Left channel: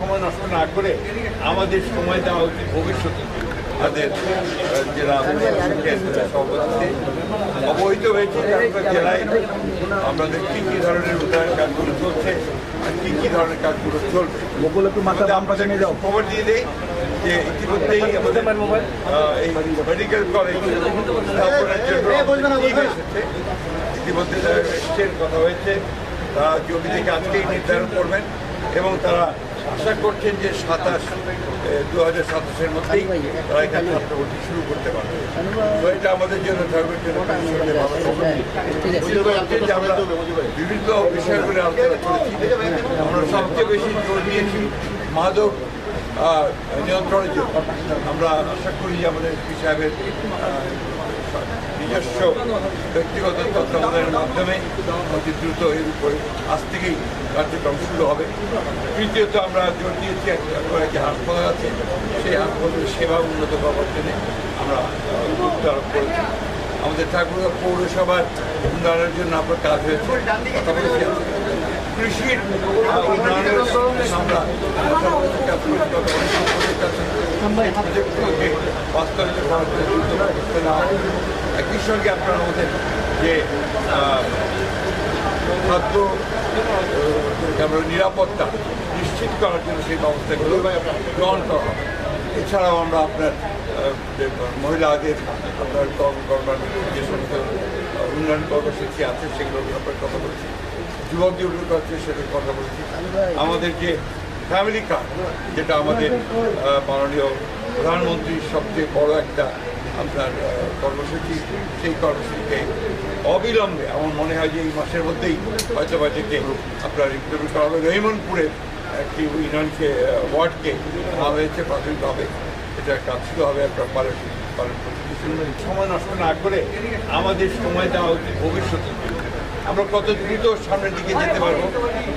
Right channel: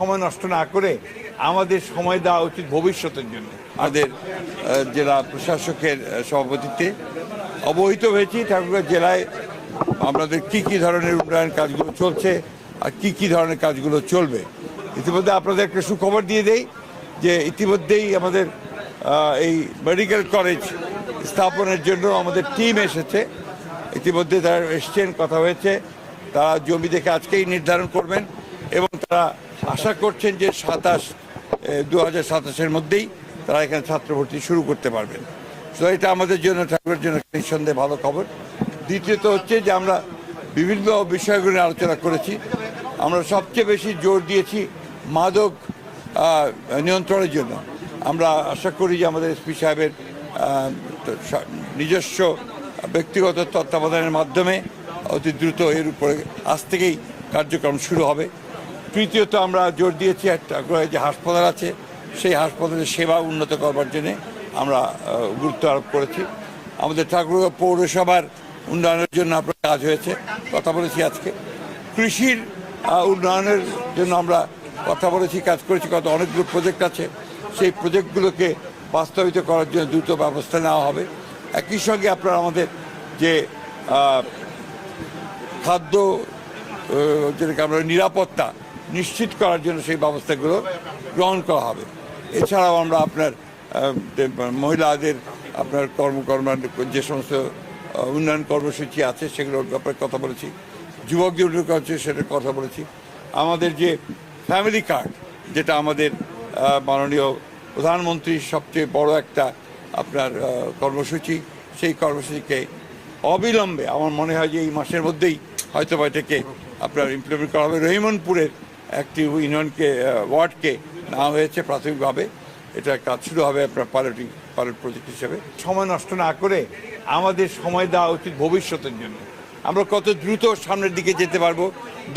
সময় নষ্ট না করে আমাদের সময় দেওয়া উচিত ভবিষ্যতের জন্য। আমাদের জেলা প্রশাসকের সভাপতিত্বে অবহিত হয়েছে ঠাকুরগাঁও জেলায় আমাদের কী কী ধরনের উন্নয়ন কাজগুলো চলছে আর কী কী ধরনের কাজগুলো চলবে। ইতিমধ্যে আপনাদের একটা সুখবর দিয়ে দেই যে ইতিমধ্যেই আমাদের এই মেডিকেল কলেজ স্থাপনের জন্য আমাদের টিম এসেছে। ইতিমধ্যে যারা এসছেন, কথা হয়েছে, তারা জমি দেখে আজকেই নির্ধারণ করবেন এবং তারা আশা করছেন যে 2027-এর মধ্যেই তারা এখানে ছাত্র ভর্তি শুরু করতে পারবে। তো এটা আমাদের জন্য ঠাকুরের জন্য নিঃসন্দেহে ভালো খবর। দ্বিতীয়ত হচ্ছে যে আমরা বিভিন্ন বিষয়গুলো আলোচনা করেছি। আমরা সবচেয়ে বেশি জোর দিয়েছি মাদক নিয়ন্ত্রণের জন্য। আমরা আশা করি যে আমাদের এসপি সাহেবের নিজস্ব ব্যক্তিগত তত্ত্বাবধানের মাধ্যমে অতি দ্রুত এর উপরে আজ থেকেই কার্যক্রম শুরু হবে। তৃতীয়ত আমরা জোর দিয়েছি একটা হাসপাতাল আছে, সেই হাসপাতালের সেবা উন্নত করবার জন্য আমরা গুরুত্ব আরোপ করেছি। আমাদের ঠাকুরগাঁও পৌরসভার উন্নয়নের জন্য আপনার কাজ হয়েছে, কথা বলেছি আজকে। কৃষির উন্নয়নের জন্য আমরা কথা বলেছি, কাজ করেছি, কত অনেকগুলো প্রজেক্ট আছে, সেই প্রজেক্টগুলোকে বাস্তবায়িত করার জন্য দ্রুত ব্যবস্থা নেওয়া হবে। একই সঙ্গে আপনারা আমাদের যে খাদ্য যেটাকে আমরা নিরাপত্তা নিশ্চিত করার জন্য সেই ব্যবস্থাগুলো গ্রহণ করা হবে। এছাড়াও আমরা আপনার মহিলাদের আপনার কর্মকর্মার যে সমস্ত উন্নয়ন কর্মসূচি আছে সেগুলোর ব্যাপারে কথা বলেছি। যুবকদের আছে সেটার কথা বলেছি। আমাদের যে ফ্যামিলি কার্ড, যেটা আমাদের মাননীয় প্রধানমন্ত্রীর সবচেয়ে বড় একটা আপনার কর্মসূচি, সেই কর্মসূচিকে অবিলম্বে আমার মনে হয় যে এই মাসের মধ্যেই হয়তো এটাকে আপনার ইমপ্লিমেন্ট করা হবে। রহিমনপুরের একটি ইউনিয়নকে ওয়ার্ডকে নেওয়া হয়েছে প্রাথমিকভাবে, এটা কাজ শুরু হবে আপনার পার্টি প্রযুক্তি হিসেবে। সময় নষ্ট না করে আমাদের সময় দেওয়া উচিত ভবিষ্যতের জন্য। আমরা কত দ্রুত সামনের দিকে যেতে পারবো,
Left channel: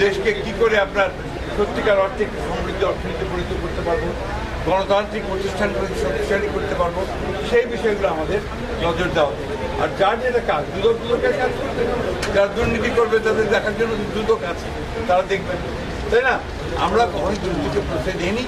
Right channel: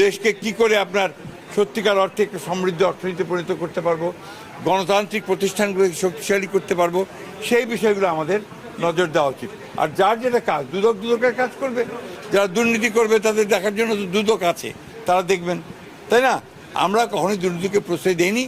দেশকে কি করে আপনার সত্যিকার অর্থে একটু সমৃদ্ধ অর্থনীতি পরিণত করতে পারবো, গণতান্ত্রিক প্রতিষ্ঠানগুলোকে শক্তিশালী করতে পারবো, সেই বিষয়গুলো আমাদের নজর দেওয়া উচিত। আর যার যেটা কাজ, দুদকের কাজ করবে, যারা দুর্নীতি করবে তাদের দেখার জন্য দুদক আছে, তারা দেখবেন, তাই না? আমরা কখনোই দুর্নীতিকে প্রশ্রয় দিইনি।